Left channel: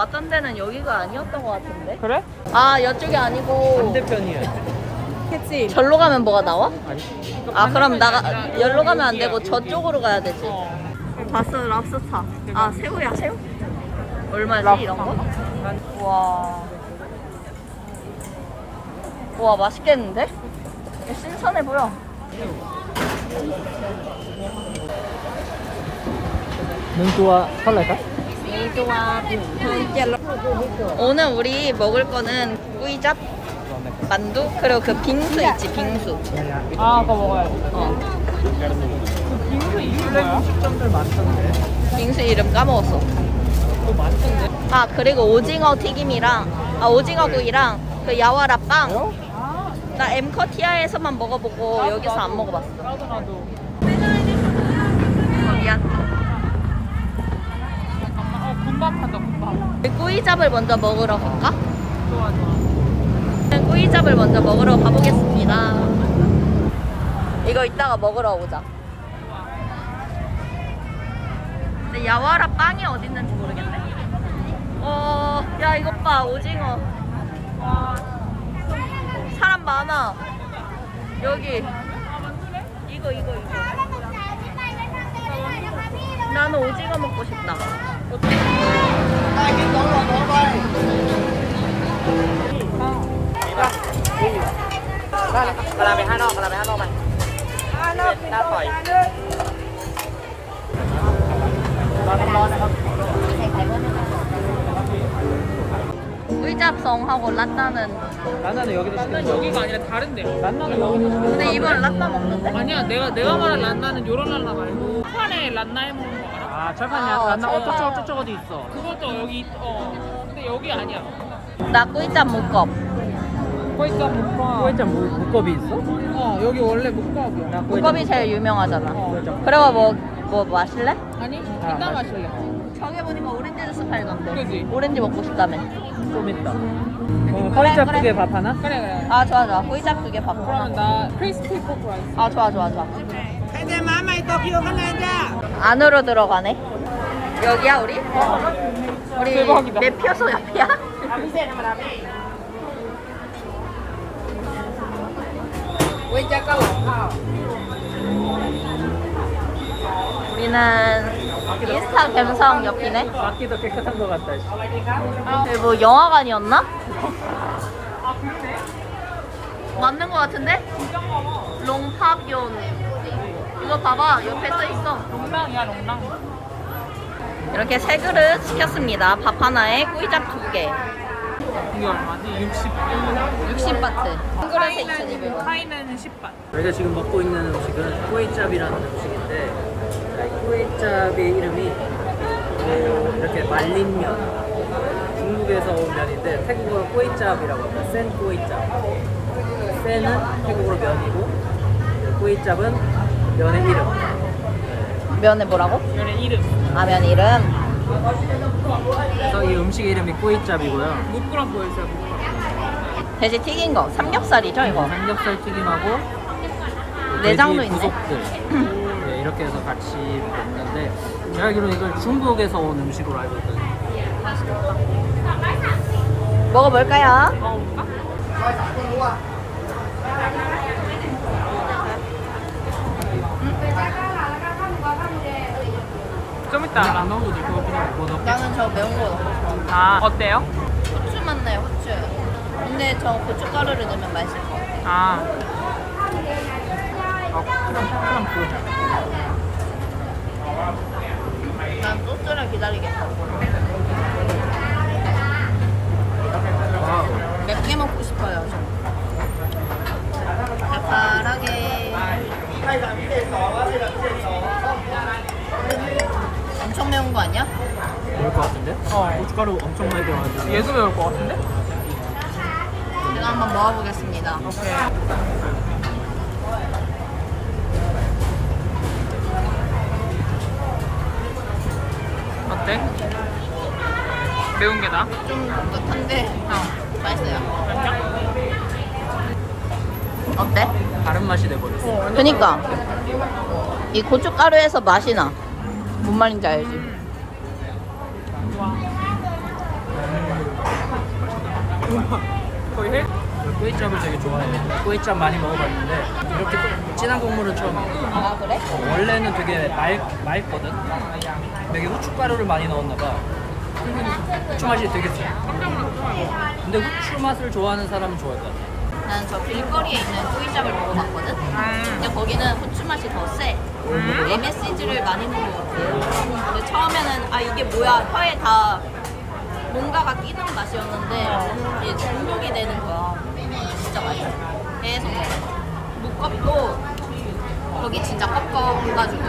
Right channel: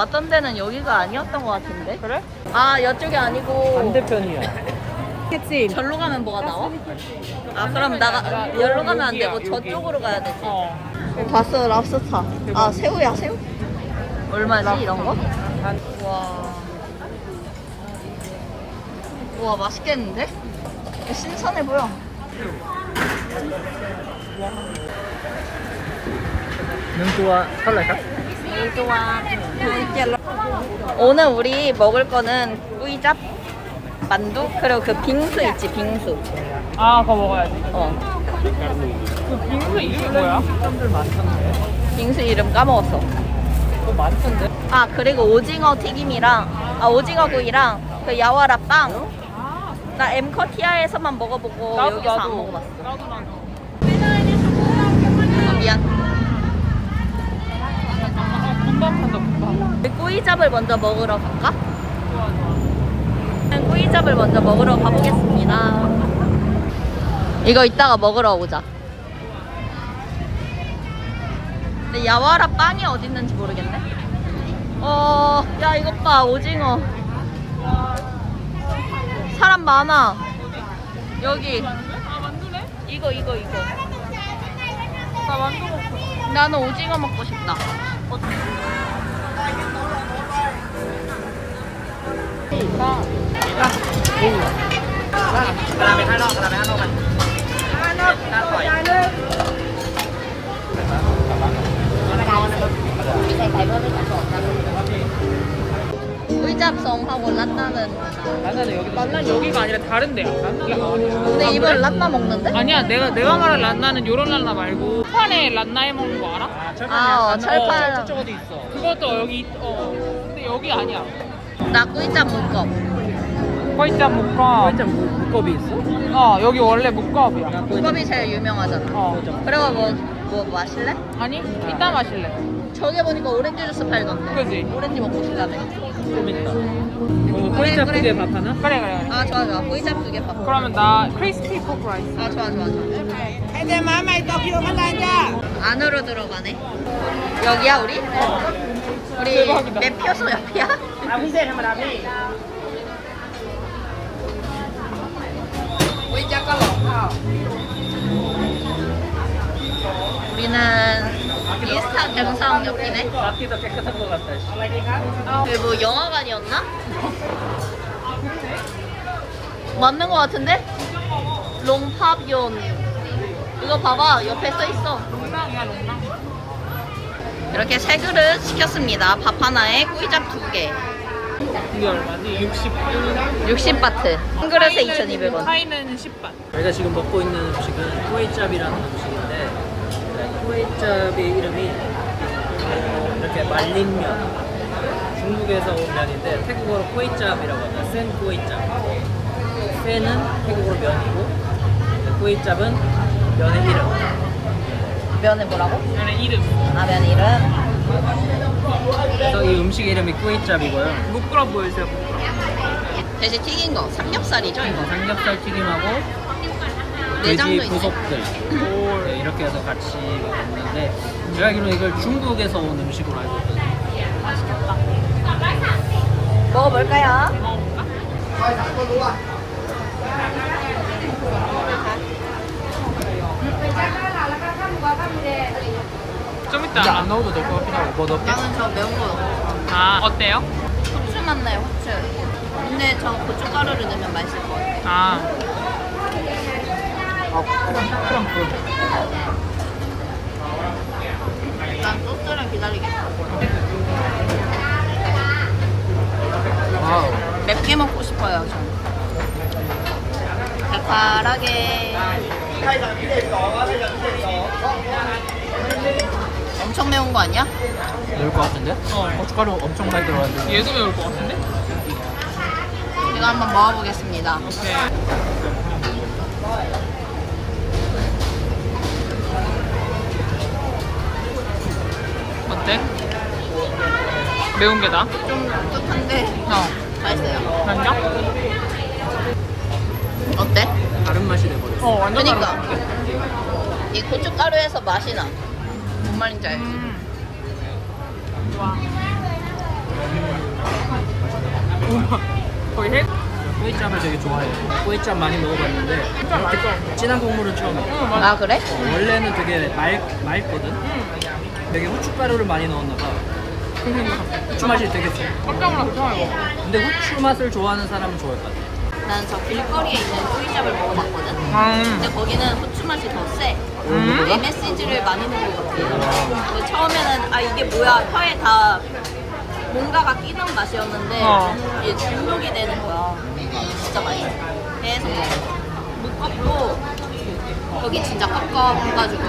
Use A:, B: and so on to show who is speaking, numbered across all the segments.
A: 왔던 데는 여기가 아니었던 것 같은데?
B: 그래?
A: 아 이쪽이 아니고
C: 반대편이야.
B: 그치.
A: 절로 가면 뭐가 나와? 아 그럼 나가 열로 가면 안 되고. 저쪽으로 가야 되지.
B: 어.
A: 봤어 랍스타. 아 새우야 새우? 얼마지 이런 거? 와. 와 맛있겠는데? 신선해 보여.
C: 능도와 살라까?
A: 오늘 우리 먹을 거는 꾸이잡, 만두 그리고 그 빙수 있지 빙수.
B: 아, 그거 먹어야지.
A: 어.
B: 빙수 이름 뭐야?
C: 점들 많던데.
A: 빙수 이름 까먹었어.
C: 또 많던데.
A: 아 그리고 오징어 튀김이랑 아 오징어 구이랑 그 야와라 빵.
B: 아,
A: 나 엠커티아에서만 먹어보고 여기서 안. 먹어봤어.
B: 나도 나도.
A: 어, 미안.
B: 잠깐만. 어, 군밥 한다 군밥.
A: 꾸이잡을 먼저 먹으러 갈까?
B: 좋아 좋아.
A: 꾸이잡을 먼저 먹으러 가보겠습니다. 이거 이따가 먹으러 오자. 근데 야와라 빵이 어디 있는지 모르겠네. 어, 야 이것 봐 오징어.
B: 와.
A: 사람 많아. 여기? 이거 이거 이거. 나는 오징어 먹고 싶다. 의잡성하고 란나는
C: 나는 여기도
B: 란난 여기가 아니라 다른 데야.
A: 근데 이번 란나 먹는데?
B: 아니야 내가 내가 말한 란나는 요런 란나 말고 판에 란나해 먹는 거 알아?
C: 아, 철판이야.
A: 아,
C: 난
A: 철판.
C: 철판 저쪽 어디 있어.
B: 그것도 여기 있- 어 근데 여기 아니야.
A: 나 꾸이잡 묶어.
B: 거이짱 묵밥.
C: 일단 뭐 물컵이 있어?
B: 어 여기 원래 묵밥이야.
A: 묶업이 제일 유명하잖아.
B: 어
A: 그리고 뭐, 뭐 마실래?
B: 아니 이따 마실래.
A: 저기 보니까 오렌지 주스 팔던데.
B: 그지?
A: 오렌지 먹고 싶다며.
C: 좀 있다. 이거
A: 그래, 그래.
C: 크게 밥 하나?
B: 그래 그래.
A: 아 좋아 좋아. 꾸이잡 두개 밥.
B: 그러면 나 크리스피 포크 라이스.
A: 아 좋아 좋아 좋아.
B: 근데 마마 이거 기억은 난다.
A: 안으로 들어가네. 여기야 우리? 우리. 매표소 옆이야? 우리는 인스타 감성 옆이네. 여기 뭐 영화관이었나? 맞는 거 같은데? 롱팝yon 이거 봐봐 옆에 써 있어. 이렇게 세 그릇 시켰습니다. 밥 하나에 꾸이잡 두 개.
B: 이게 얼마지? 60.
A: 60바트. 한 그릇에 2,200원.
B: 카이는 10ባት.
C: 저희가 지금 먹고 있는 음식은 꾸에짭이라는 음식인데 이 꾸에짭의 이름이 어, 이렇게 말린 면 중국에서 온 면인데 태국어로 꾸에짭이라고 합니다. 센 꾸에짭. 센은 태국어로 면이고 꾸에짭은 면의 이름.
A: 면에 뭐라고?
B: 면의 이름.
A: 아, 면 이름.
C: 그래서 이 음식 이름이 꾸에짭이고요.
B: 무끄러 보여주세요.
A: 대신 튀긴 거. 삼겹살이죠, 이거?
C: 삼겹살 튀김하고
A: 내장도
C: 돼지
A: 있네.
C: 부속들 네, 이렇게 해서 같이 먹는데 제가 알기로는 이걸 중국에서 온 음식으로 알고 있거든요.
A: 먹어볼까요?
B: 먹어볼까? 좀 이따
C: 안
B: 알아.
C: 넣어도 될 것 같긴 하고 뭐 넣을게?
A: 나는 저 매운 거 넣고 싶어.
B: 아 어때요?
A: 후추 맛나요, 후추. 근데 저 고춧가루를 넣으면 맛있을 것 같아.
B: 아
A: 난 소스를 기다리겠어.
C: 어,
A: 맵게 먹고 싶어요, 저. 달달하게. 엄청 매운 거 아니야?
C: 넣을 것 같은데?
B: 어.
C: 고춧가루 엄청 많이 들어가지고
B: 얘도 매울 것 같은데?
A: 이거 한번 먹어보겠습니다.
B: 오케이. 어때? 매운 게 나?
A: 좀 독특한데
B: 어.
A: 맛있어요.
B: 맞냐?
A: 어때?
C: 다른 맛이 돼버렸어.
B: 어 완전
A: 그니까.
B: 다른데?
A: 이 고춧가루에서 맛이 나. 뭔 말인지 알지?
B: 음. 와. 우와. 거의 해?
C: 꼬이짭을 되게 좋아해요. 꼬이짭 많이 먹어봤는데 이렇게 진한 국물은 처음이에요.
A: 아 그래?
C: 어, 원래는 되게 말, 맑거든? 되게 후춧가루를 많이 넣었나 봐. 후추 맛이 되게 세.
B: 깜짝 놀랐어.
C: 근데 후추 맛을 좋아하는 사람은 좋아할 것 같아.
A: 나는 저 길거리에 있는 꼬이잡을 먹어봤거든.
B: 음.
A: 근데 거기는 후추 맛이 더 세.
B: 음?
A: MSG를 많이 넣은 것 같아. 근데 처음에는 아 이게 뭐야 혀에 다 뭔가가 끼는 맛이었는데
B: 어.
A: 이게 중독이 되는 거야. 진짜 맛있어. 계속 먹어. 무껍도 여기 진짜 껍껍해가지고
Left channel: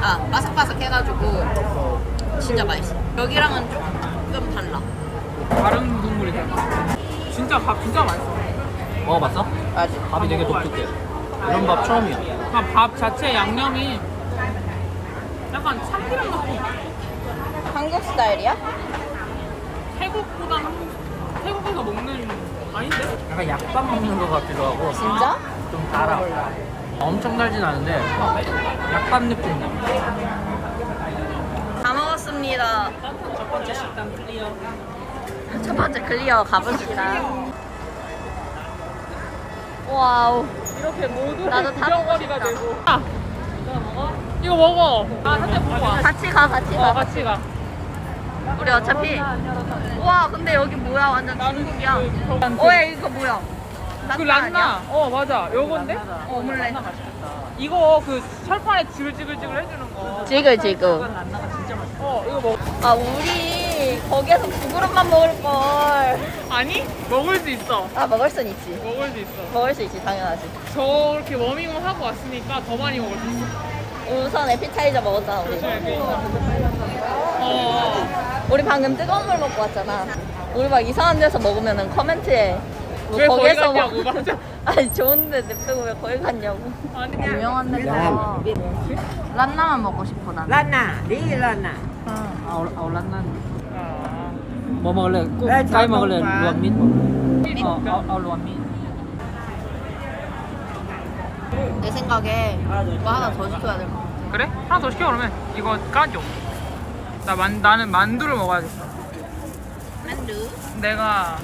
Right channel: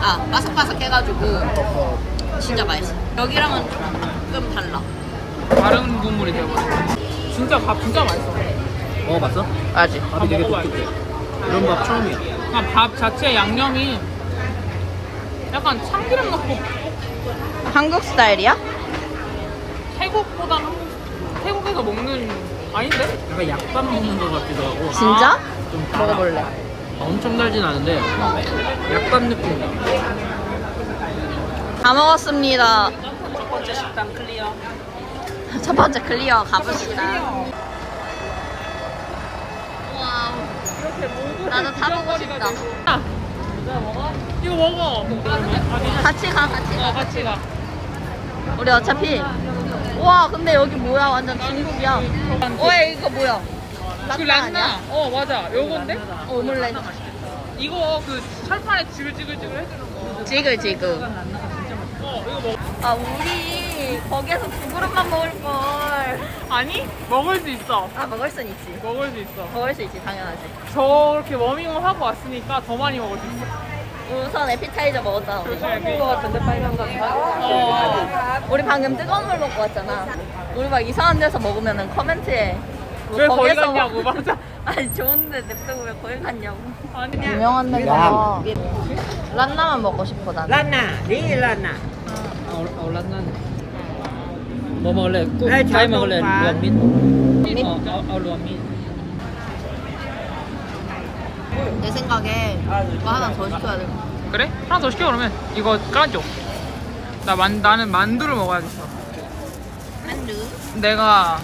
A: 아 바삭바삭해가지고 진짜 맛있어. 여기랑은 조금 달라.
B: 다른 국물이 되버려. 진짜 밥 진짜 맛있어.
C: 먹어봤어?
A: 맞지?
C: 밥이 되게
B: 먹어봐야
C: 독특해. 이런 밥 처음이 야.
B: 아, 밥 자체 양념이 약간 참기름 넣고
A: 한국 스타일이야?
B: 태국보다 한국 태국에서 먹는 아닌데?
C: 약간 약밥 먹는 것 같기도 하고.
A: 진짜?
C: 좀 달아. 엄청 달진 않은데 약밥 느낌.
A: 다 먹었습니다.
C: 첫 번째 식당 클리어.
A: 첫 번째 클리어 가봅시다. 와우. 나도 타보고 싶다.
B: 야, 이거 먹어.
A: 같이 가, 같이 가,
B: 어,
A: 같이 가.
B: 가.
A: 우리 어차피. 와, 근데 여기 뭐야? 완전 중국이야. 어, 야, 이거 뭐야?
B: 그
A: 란나 아니야?
B: 어 맞아. 요건데?
A: 어, 오믈렛.
B: 이거 그 철판에 지글지글지글 해주는 거.
A: 지글, 지글.
B: 어 이거 먹.
A: 아, 우리 거기에서 두 그릇만 먹을 걸.
B: 아니 먹을 수 있어.
A: 아, 먹을 순 있지.
B: 먹을 수 있어.
A: 먹을 수 있지, 당연하지.
B: 저렇게 워밍업 하고 왔으니까 더 많이 먹을 수 있어.
A: 우선 에피타이저 먹었잖아. 우리.
B: 조심해. 그러니까. 어.
A: 우리 방금 뜨거운 물 먹고 왔잖아. 우리 막 이상한 데서 먹으면은 커멘트에 뭐
B: 왜 거기
A: 거기에서
B: 갔냐고
A: 먹-
B: 맞아.
A: 아니 좋은데 냅두고 왜 거기 갔냐고.
B: 아니
A: 유명한 데서 란나만 먹고 싶어 난.
D: Lana, đi Lana.
C: 아, 올- 아, 올랐나 먹을래? 국?
D: 네?
C: 어, 아, 아, 루안민.
A: 내 생각에 이거 하나 더 시켜야 될 것 같아.
B: 그래? 하나 더 시켜 그러면 이거 까줘. 나 만, 나는 만두를 먹어야겠어.
A: 만두.
B: 내가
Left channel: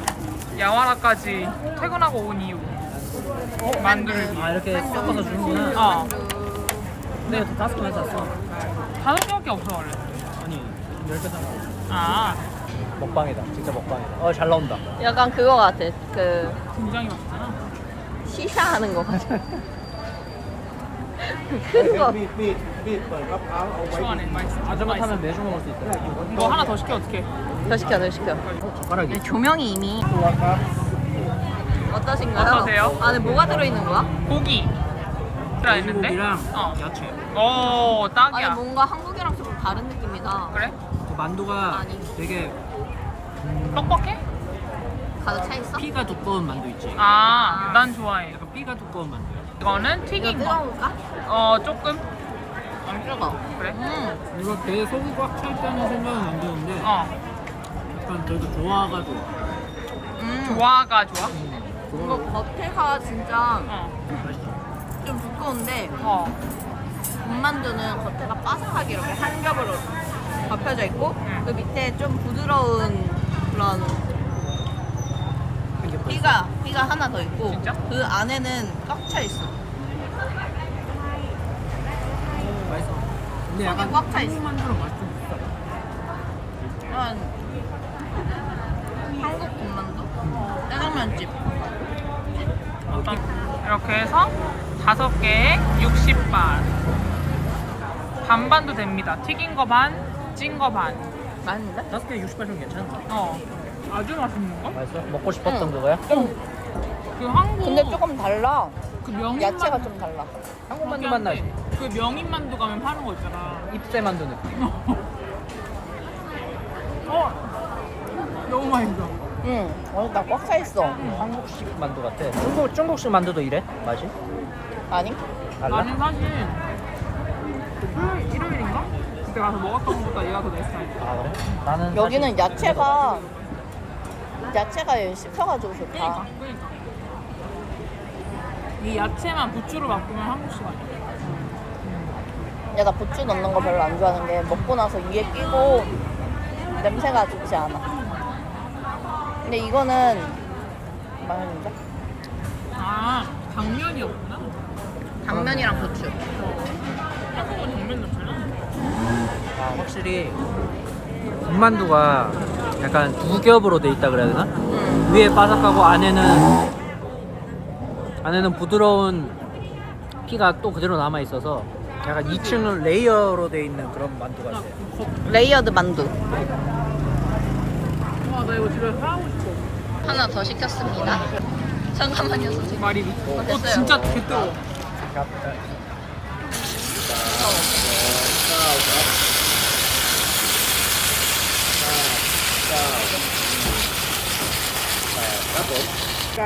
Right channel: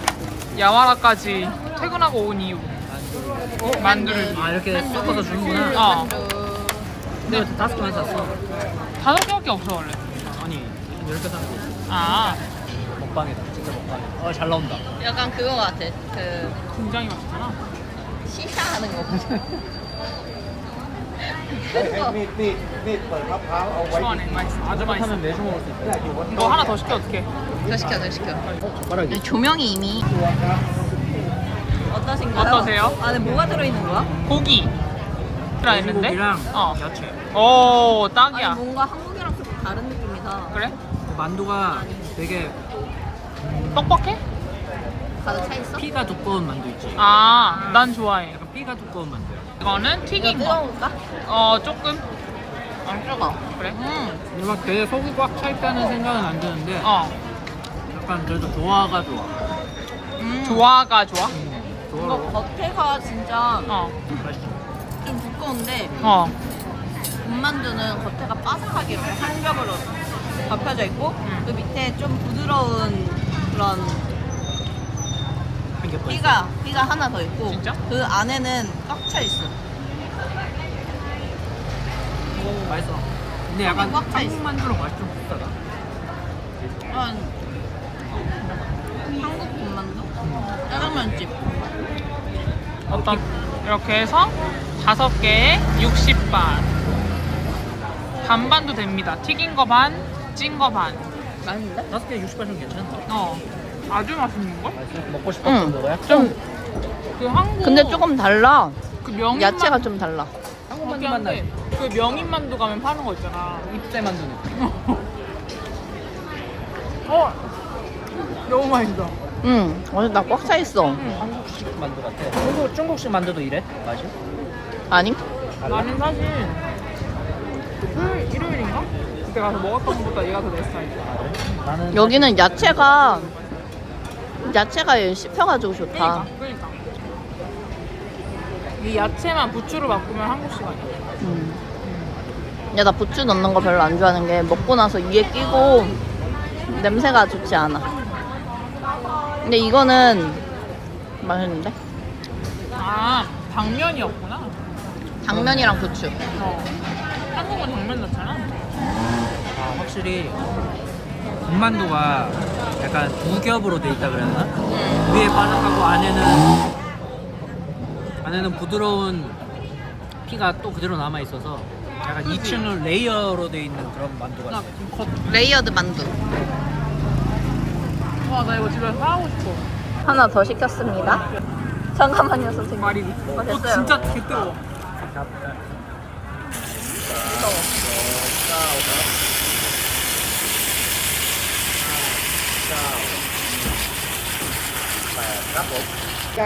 B: 야와라까지 퇴근하고 온 이유. 어? 만두를.
C: 아, 이렇게 섞어서 주는구나.
B: 어.
A: 만두.
C: 왜 다섯 개만 샀어?
B: 다섯 개밖에 없어 원래.
C: 아니, 열개 사는 거.
B: 아
C: 먹방이다. 진짜 먹방. 어, 잘 나온다.
A: 약간 그거 같아. 그
B: 굉장히 맛있잖아.
A: 시샤 하는 거. 그거.
B: 시원해 맛있어. 아주 맛있어.
C: 한번 매주 먹을 수 있어.
B: 이거 하나 더 시켜 어떻게?
A: 더 시켜, 더 시켜.
C: 젓가락이.
A: 조명이 이미 어떠신가요?
B: 어떠세요?
A: 안에 뭐가 들어있는 거야?
B: 고기.
C: 돼지고기랑
B: 어.
C: 야채.
B: 오 딱이야.
A: 아니 뭔가 한국이랑 좀 다른 느낌이다.
B: 그래?
C: 그 만두가 되게 음,
B: 뻑뻑해?
A: 가득 차 있어?
C: 피가 두꺼운 만두 있지.
B: 아, 난 좋아해.
C: 약간 피가 두꺼운 만두야.
B: 이거는
A: 이거
B: 튀긴 거.
A: 뜨거울까?
B: 어, 조금.
A: 안 뜨거.
B: 그래?
A: 음.
C: 이거 되게 속이 꽉 차 있다는 생각은 안 드는데
B: 어.
C: 약간 그래도 조화가 좋아.
A: 음.
B: 조화가 좋아?
C: 음,
A: 이거
C: 조화가
A: 겉에가 진짜
B: 어.
C: 맛있어.
A: 좀 두꺼운데
B: 어.
A: 군만두는 겉에가 바삭하게 이렇게 한 겹으로 덮여져 있고
B: 음.
A: 그 밑에 좀 부드러운 그런. 삐가 삐가 하나 더 있고
B: 진짜?
A: 그 안에는 꽉 차 있어.
C: 맛있어. 근데 약간
A: 꽉 차 있어.
C: 한국 만두랑 맛이 좀 비슷하다.
A: 그런 한국 군만두? 짜장면집.
B: 어떤 이렇게 해서 다섯 개에 60바 반반도 됩니다. 튀긴 거 반, 찐 거 반.
A: 맛있는데?
C: 다섯 개 60바트면 괜찮은데?
B: 어. 아주 맛있는 걸?
C: 먹고 싶었던
A: 응.
C: 거야?
B: 좀 그 한국
A: 근데 조금 달라.
B: 그 명인
A: 야채가 만좀 달라.
B: 그렇긴 한데 그 명인 만두 가면 파는 거 있잖아.
C: 입새 만두 느낌.
B: 어. 너무 맛있어.
A: 응. 완전 나꽉 차 있어.
B: 응.
C: 만두 같아. 중국, 중국식 만두도 이래? 맛이?
A: 아니?
B: 나는 사실 토요일, 일요일인가? 그때 가서 먹었던 것보다 얘가 더 내 스타일이야.
A: 여기는 야채가 야채가 얘 씹혀가지고 좋다.
B: 그러니까 그러니까 이 야채만 부추로 바꾸면 한국식 아니야?
A: 야, 나 부추 넣는 거 별로 안 좋아하는 게 먹고 나서 이에 끼고 냄새가 좋지 않아. 근데 이거는 맛있는데?
B: 아 당면이었구나
A: 당면이랑 부추.
B: 어. 한국은 당면 넣잖아
C: 아 확실히 군만두가 약간 두 겹으로 돼 있다 그래야 되나?
A: 응.
C: 위에 바삭하고 안에는 안에는 부드러운 피가 또 그대로 남아 있어서 약간 2층은 레이어로 돼 있는 그런 만두 같아.
A: 레이어드 만두.
B: 와나 이거 집에 사고 싶어
A: 하나 더 시켰습니다. 잠깐만요, 선생님.
B: 말이
A: 어,
B: 어,
A: 됐어요.
B: 진짜 개 뜨거워
A: 무서워.
D: Dạ,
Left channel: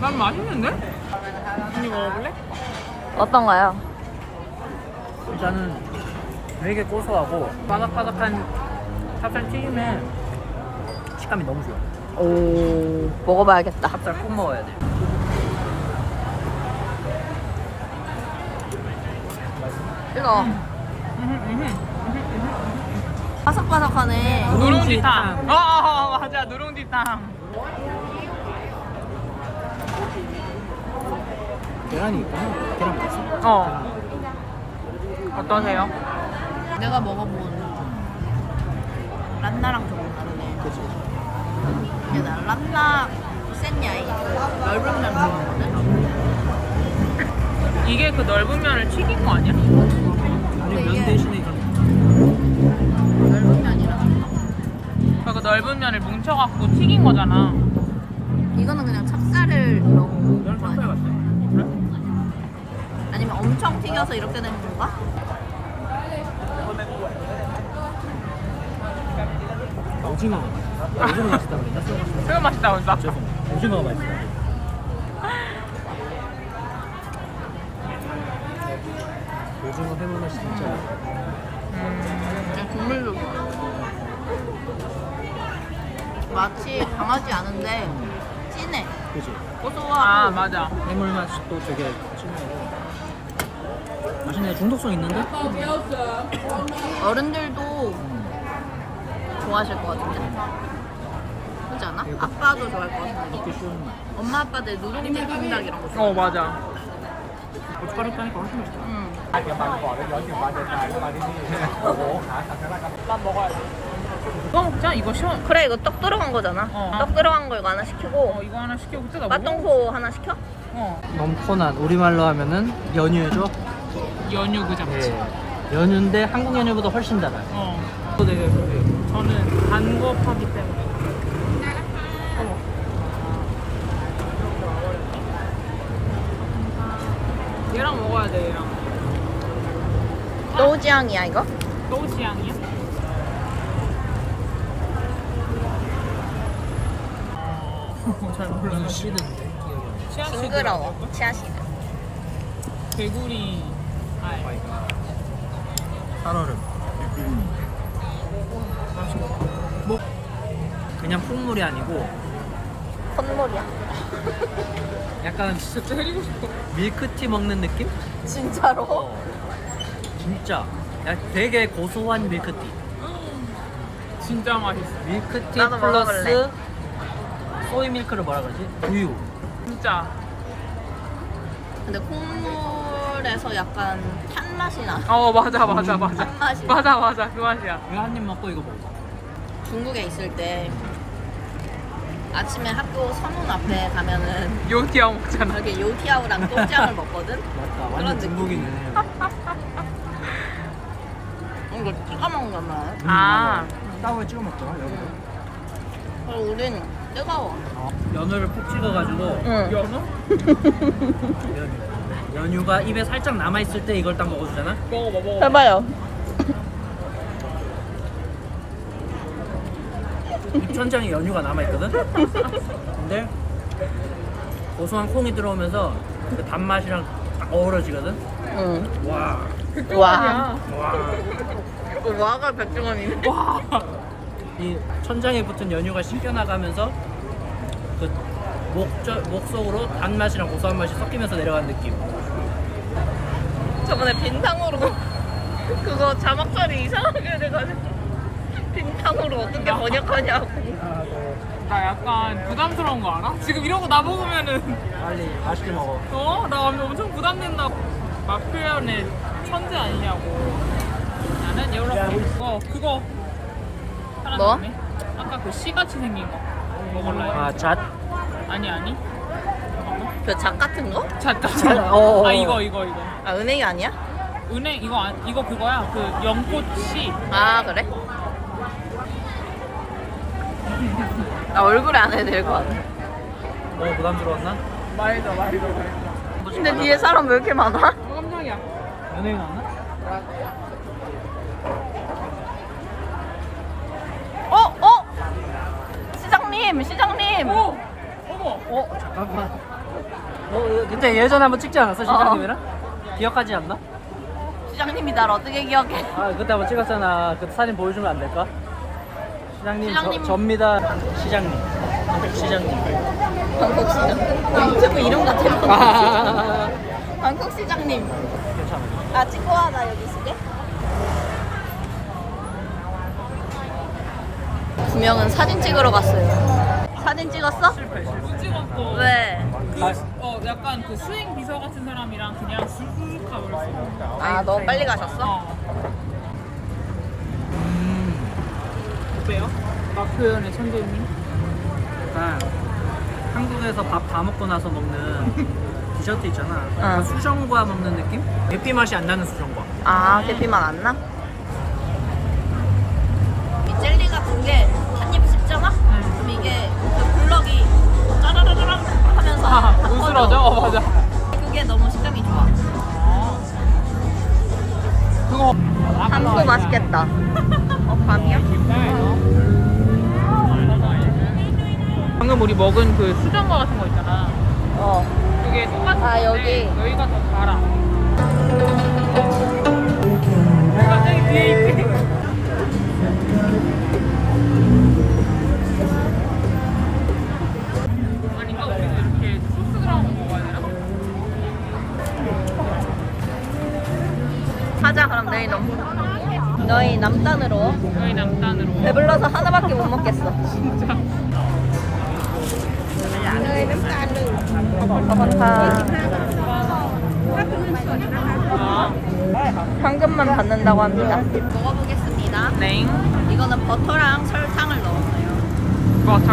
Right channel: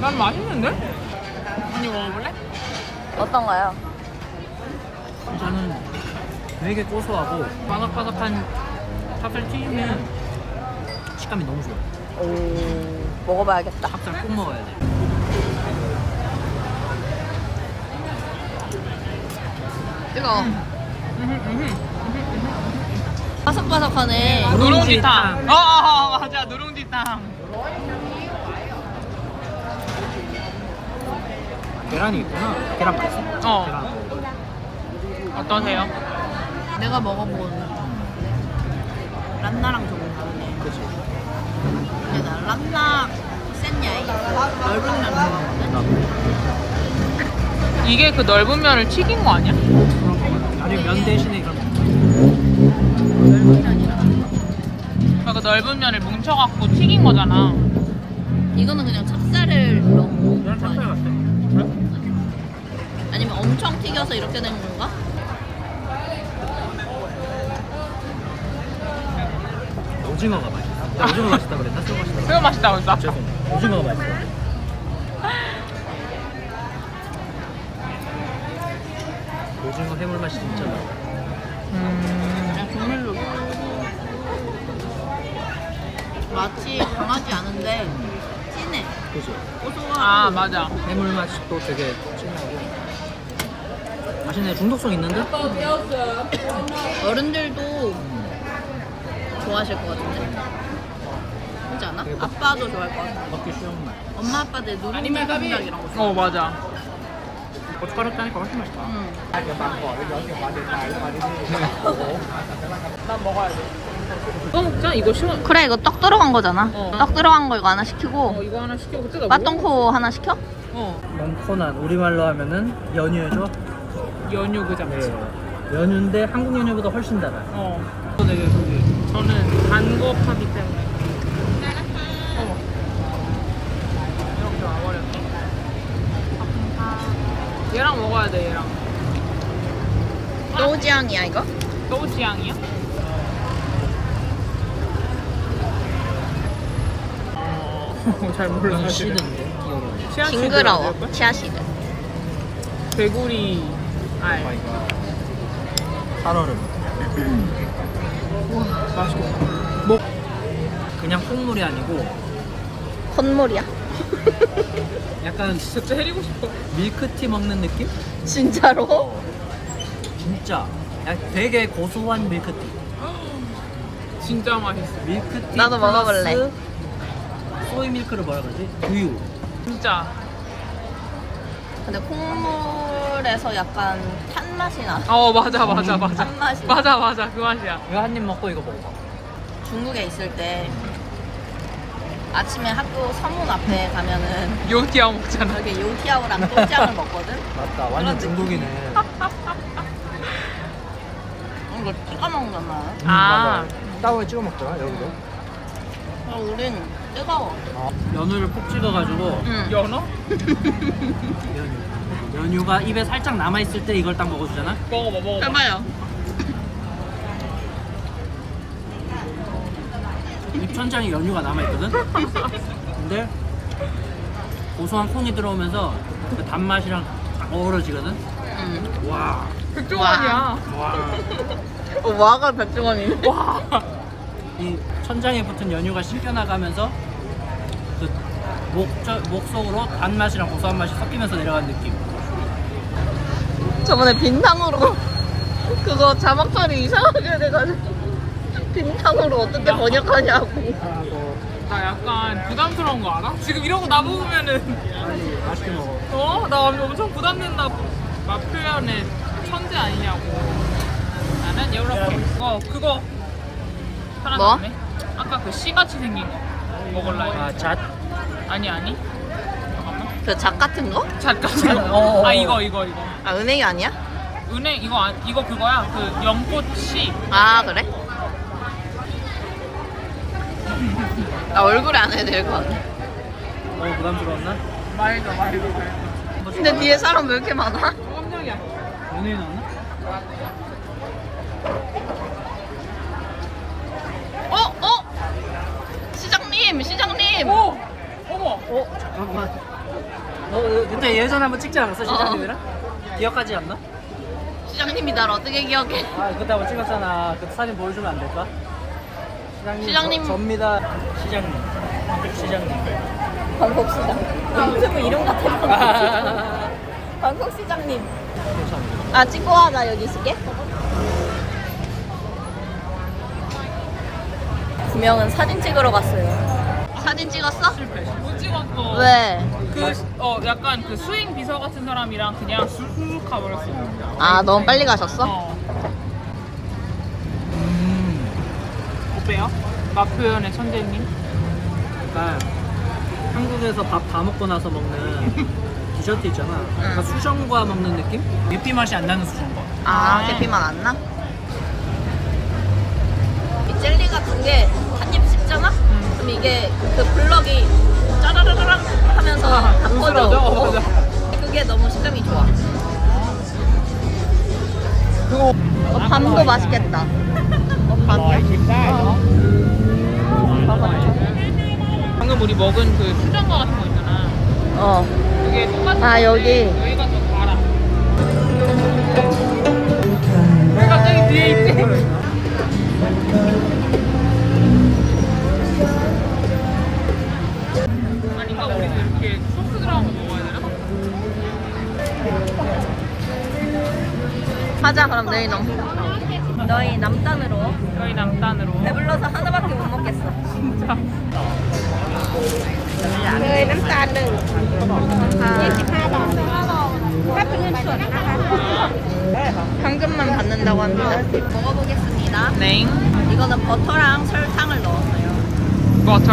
B: 난 맛있는데? 언니 먹어볼래?
A: 어떤가요?
C: 일단은 되게 고소하고 바삭바삭한 찹쌀 튀김에 식감이 너무 좋아.
A: 오, 먹어봐야겠다.
C: 찹쌀 꼭 먹어야 돼.
A: 뜨거워. 바삭바삭하네.
B: 누룽지탕. 어, 어, 어, 맞아. 누룽지탕.
C: 계란이 있구나. 계란 맛있어?
B: 어.
C: 계란.
B: 어떠세요?
A: 내가 먹어본 란나랑 조금 다르네.
C: 그치.
A: 근데 나 란나 센 야이 그 넓은 면 좋아하거든.
C: 나도.
B: 이게 그 넓은 면을 튀긴 거 아니야?
C: 아니면 면 대신에 이런
A: 넓은 면이랑.
B: 그러니까 넓은 면을 뭉쳐갖고 튀긴 거잖아.
A: 이거는 그냥 찹쌀을 넣은 거
C: 찹쌀
A: 아니야?
C: 같아.
A: 아니면 엄청 튀겨서 이렇게 된 건가?
C: 오징어가 맛있어. 나 오징어 맛있다 그랬나? 새우 맛있다.
B: 새우 맛있다고 했어.
C: 죄송. 오징어가 맛있어. 오징어 해물 맛이 진짜.
B: 음.
A: 그냥 국물도 좋아. 맛이 강하지 않은데 진해.
C: 그지.
A: 고소하고.
B: 아, 맞아.
C: 해물 또 되게 진하고. 맛있네. 중독성 있는데?
A: 어른들도
C: 음.
A: 좋아하실 것 같은데. 그렇지 않아?
C: 대박.
A: 아빠도 좋아할 것 같은데.
C: 먹기 쉬운 맛.
A: 엄마 아빠들 누룽지 콩닭 이런 거 좋아.
B: 어, 맞아.
C: 고춧가루 짜니까 훨씬 맛있다.
A: 응.
B: 어, 짠 이거 시원.
A: 그래 이거 떡 들어간 거잖아.
B: 어.
A: 떡 들어간 거 이거 하나 시키고
B: 어, 이거 하나 시키고 뜨거.
A: 빠똥코 하나 시켜?
B: 어.
C: 멍코난 우리말로 하면은 연유죠.
B: 연유 그 잡지.
C: 네. 연유인데 한국 연유보다 훨씬 달아요.
B: 어. 되게 그게 저는 단거 파기 때문에. 어머. 이렇게 와버렸다. 얘랑 먹어야 돼 얘랑.
A: 노지향이야 이거?
B: 노지향이야? 잘 몰라.
C: 이건 시드인데 기억이 안 나.
A: 징그러워. 치아시드.
B: 개구리. 아이.
C: 살얼음.
B: 맛있고.
C: 그냥 콩물이 아니고
A: 콧물이야.
C: 약간
B: 진짜 해리고 싶어.
C: 밀크티 먹는 느낌?
A: 진짜로?
C: 어. 진짜. 야, 되게 고소한 밀크티.
B: 진짜 맛있어.
C: 밀크티
A: 나도
C: 플러스
A: 먹어볼래.
C: 소이 밀크를 뭐라 그러지? 우유.
B: 진짜.
A: 근데 콩물에서 약간 탄 맛이 나.
B: 어 맞아 맞아 맞아.
A: 한 맛이.
B: 맞아 맞아 그 맛이야.
C: 이거 한 입 먹고 이거 먹어.
A: 중국에 있을 때 아침에 학교 서문 앞에 가면은
B: 요티아 먹잖아.
A: 여기 요티아오랑 또짱을 먹거든.
C: 맞다.
A: 그런
C: 완전
A: 느낌.
C: 중국이네.
A: 이거 찍어 먹는 거야.
B: 아
C: 따로 찍어 먹더라.
A: 응. 어, 우린 뜨거워.
C: 연어를 푹 찍어가지고
A: 응.
B: 연어?
C: 연유. 연유가 입에 살짝 남아 있을 때 이걸 딱 먹어주잖아.
B: 먹어봐 먹어봐
A: 해봐요.
C: 입 천장에 연유가 남아 있거든. 근데 고소한 콩이 들어오면서 그 단맛이랑 딱 어우러지거든.
A: 응.
C: 와, 와.
A: 어, 와가 백종원이네.
B: 와
C: 이 천장에 붙은 연유가 씹겨 나가면서 그 목저, 목 속으로 단맛이랑 고소한 맛이 섞이면서 내려가는 느낌.
A: 저번에 빈탕으로 그거 자막 처리 이상하게 돼가지고 빈탕으로 어떻게 번역하냐고.
B: 나 약간 부담스러운 거 알아? 지금 이러고 나 먹으면은
C: 맛있게 먹어.
B: 어? 나 엄청 부담된다 맛 표현에 천재 아니냐고 나는 이렇게 어 그거 살아났네 아까 그 씨같이 생긴 거 먹을라
C: 아,
B: 했는데
C: 잣.
B: 아니 아니 잠깐만
A: 그작 같은 거?
B: 잣 같은
C: 어, 어,
B: 거.
C: 어.
B: 아 이거 이거 이거
A: 아 은행이 아니야?
B: 은행 이거 안- 이거 그거야 그 연꽃 씨
A: 아 그래? 나 얼굴에 안 해도 될 것 같아.
C: 어, 부담스러웠나?
B: 말도 말도 말도
A: 근데 뒤에 사람 왜 이렇게 많아?
B: 깜짝이야
C: 연예인 나왔나?
A: 어? 어? 시장님 시장님
B: 오! 어,
C: 잠깐만. 어, 어, 그때 예전 한번 찍지 않았어, 시장님이랑? 기억하지 않나?
A: 시장님이 날 어떻게 기억해?
C: 아, 그때 한번 찍었잖아. 그 사진 보여주면 안 될까? 시장님.
A: 시장님.
C: 저, 접니다. 시장님. 시장님.
A: 방콕 시장. 어, 유튜브 이름 같아. 방콕 시장. 방콕 시장님.
C: 괜찮아.
A: 아 찍고 와나 여기 있을게. 두 명은 사진 찍으러 갔어요. 사진 찍었어?
B: 실패 실패 못 찍었고
A: 왜?
B: 그, 어, 약간 그 수행 비서 같은 사람이랑 그냥 쑥쑥 가버렸어.
A: 아 너무 빨리 가셨어?
B: 어.
C: 음.
B: 어때요? 맛 표현의 천재님?
C: 아, 한국에서 밥 다 먹고 나서 먹는 디저트 있잖아.
A: 응.
C: 그 수정과 먹는 느낌? 계피 맛이 안 나는 수정과.
A: 아 계피만 안 나? 이 젤리 같은 게 한 입 씹잖아? 그럼 이게 그 블럭이 짜라라락 하면서 다 퍼져.
B: 부스러져? 어,
A: 어. 그게 너무 식감이 좋아. 어, 밤도 맛있겠다. 어 밤이야?
B: 방금 우리 먹은 그 수정과 같은 거 있잖아.
A: 어.
B: 그게 똑같은
A: 아, 여기.
B: 여기가 더 달아. 왜 갑자기 뒤에 있지?
A: 너희 놈. 너희 남단으로.
B: 여기 남단으로.
A: 배불러서 하나밖에 못 먹겠어.
B: 진짜.
A: 너희 남단은. 현금만 받는다고 합니다. 먹어보겠습니다.
B: 네.
A: 이거는 버터랑 설탕을 넣었어요.
B: 버터.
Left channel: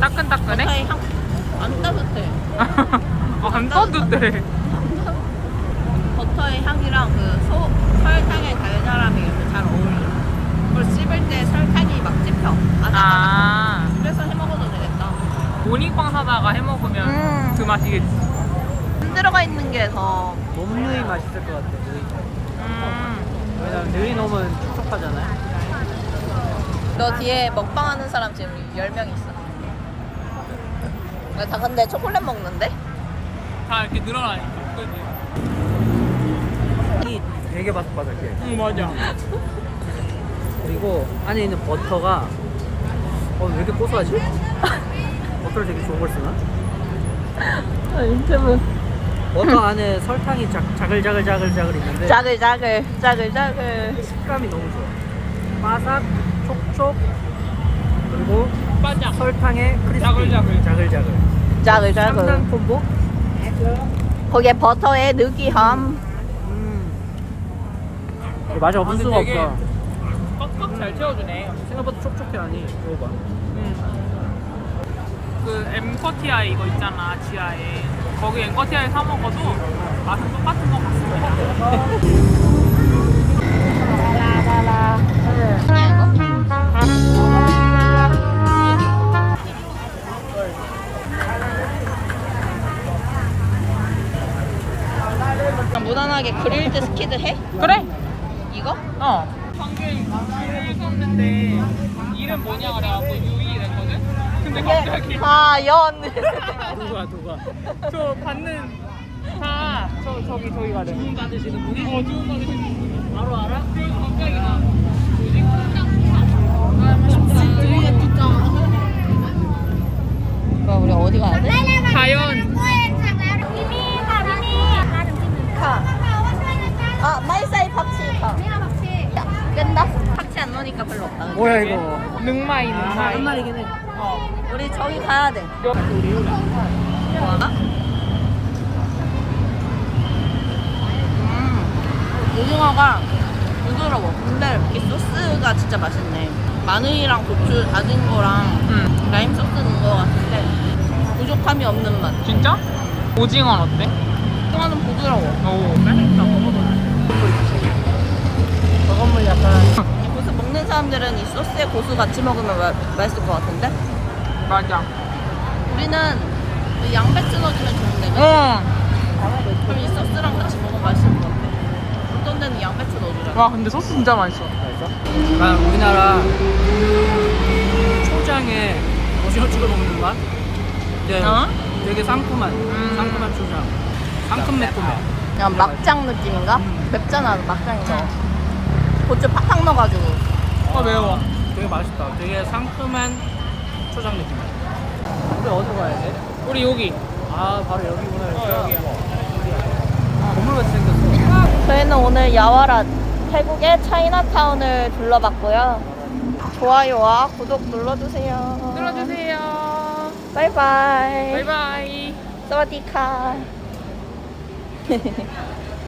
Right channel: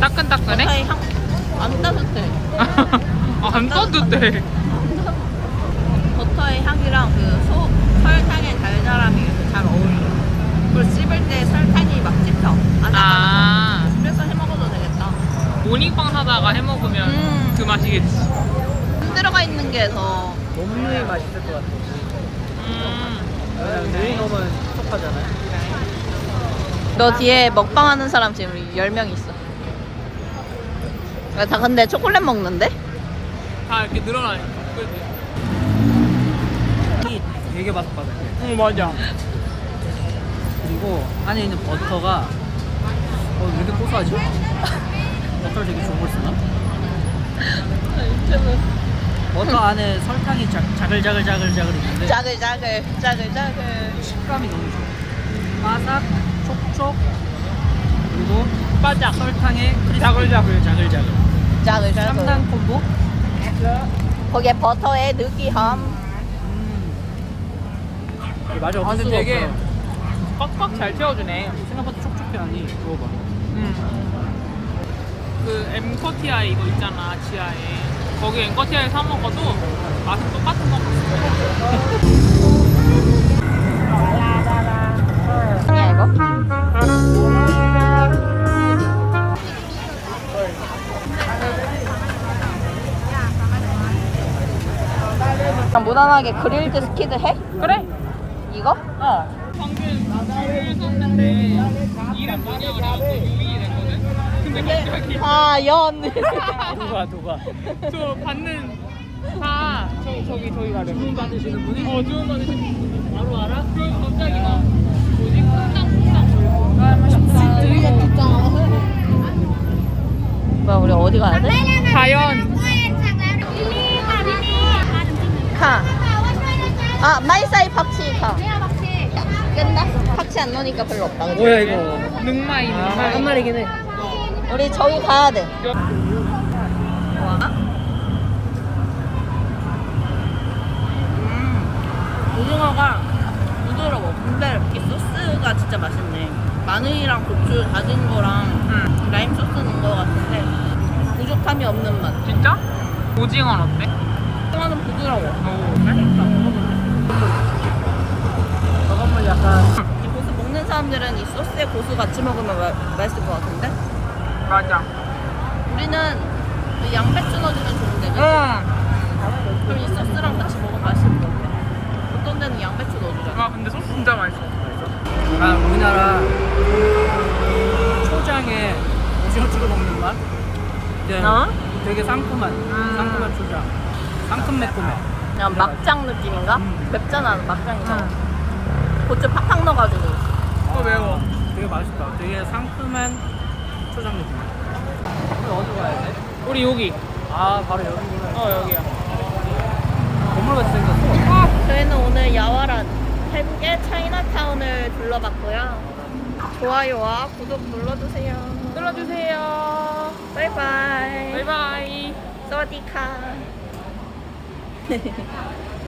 B: 따끈따끈해?
A: 버터의 향, 안 따뜻해.
B: 아, 안 따뜻해.
A: 버터의 향이랑 그 소, 설탕의 달달함이 이렇게 잘 어울려. 그리고 씹을 때 설탕이 막 찝혀. 아삭아삭.
B: 아,
A: 그래서 해 먹어도 되겠다.
B: 모닝빵 사다가 해 먹으면
A: 음.
B: 그 맛이겠지.
A: 안 들어가 있는 게 더.
C: 너무 맛있을 것 같아.
B: 음.
A: 너 뒤에 먹방 하는 사람 지금 10명 있어. 아, 다 근데 초콜릿 먹는데?
B: 다 이렇게 늘어나니까. 그지?
C: 이 되게 바삭바삭해.
B: 응, 맞아.
C: 그리고 안에 있는 버터가 어, 왜 이렇게 고소하지? 버터를 되게 좋은 걸 쓰나?
A: 유튜브.
C: 버터 안에 설탕이 자, 자글자글자글자글 있는데
A: 짜글짜글, 짜글짜글.
C: 식감이 너무 좋아. 바삭, 촉촉, 그리고
B: 까장.
C: 설탕의 크리스피.
B: 자글자글.
C: 자글자글.
A: 짜글짜글.
C: 3단 콤보?
A: 거기에 버터의 느끼함.
C: 음. 맛이 없을
B: 근데
C: 수가
B: 되게
C: 없어.
B: 꽉꽉 잘 채워주네.
C: 생각보다 촉촉해 아니. 이거 봐.
B: 응. 그 엠커티아이 이거 있잖아 지하에 거기 엠커티아에 사 먹어도 맛은 똑같은 것 같습니다.
A: 무난하게 그릴드 스키드 해?
B: 그래?
A: 이거?
B: 어. 방금 주로 썼는데 이름 뭐냐 그래갖고 유이 냈거든? 근데 갑자기
A: 과연
C: 누가 누가
B: 저 받는 다 저, 저기 저기 가래
C: 주문 받으시는 분이
B: 어 주문 받으시는 분이
C: 바로 알아?
B: 그 갑자기 나 뭐지? 아 맛있다
A: 뭐야 우리 어디 가야 돼?
B: 과연
A: 아 마이사이 팍치 가. 야, 끈다. 팍치 안 넣으니까 별로 없다. 그치?
C: 뭐야 이거
B: 능마이
C: 아, 한 마리긴 해
A: 우리 저기 가야 돼.
B: 너-
A: 뭐야? 음, 오징어가 부드러워. 근데 이 소스가 진짜 맛있네. 마늘이랑 고추 다진 거랑
B: 응
A: 라임 소스 넣은 거 같은데 부족함이 없는 맛.
B: 진짜? 오징어는 어때?
A: 오징어는 부드러워.
B: 오 맛있다 먹어볼래
C: 약간
A: 이 고수 먹는 사람들은 이 소스에 고수 같이 먹으면 마- 맛있을 것 같은데
B: 맞아
A: 우리는 이 양배추 넣어주면 좋은데 그치?
B: 어.
A: 그럼 이 소스랑 같이 먹으면 맛있을 것 같아. 어떤 데는 양배추 넣어주잖아.
B: 와 근데 소스 진짜 맛있어
C: 약간 우리나라 초장에 오징어 찍어 먹는 맛 근데
A: 어?
C: 되게 상큼한
B: 음.
C: 상큼한 초장 상큼 매콤해
A: 그냥 막장 느낌인가?
C: 음.
A: 맵잖아 막장이잖아.
B: 응
A: 고추 팍팍 넣어가지고.
B: 어, 매워.
C: 되게 맛있다 되게 상큼한 초장 느낌 우리 어디로 가야 돼?
B: 우리 여기
C: 아 바로 여기구나
B: 어, 여기야.
C: 어디야 건물같이 생겼어
A: 저희는 오늘 야와라 태국의 차이나타운을 둘러봤고요. 좋아요와 구독 눌러주세요.
B: 들어주세요
A: 바이바이.
B: 바이바이
A: 사와디카.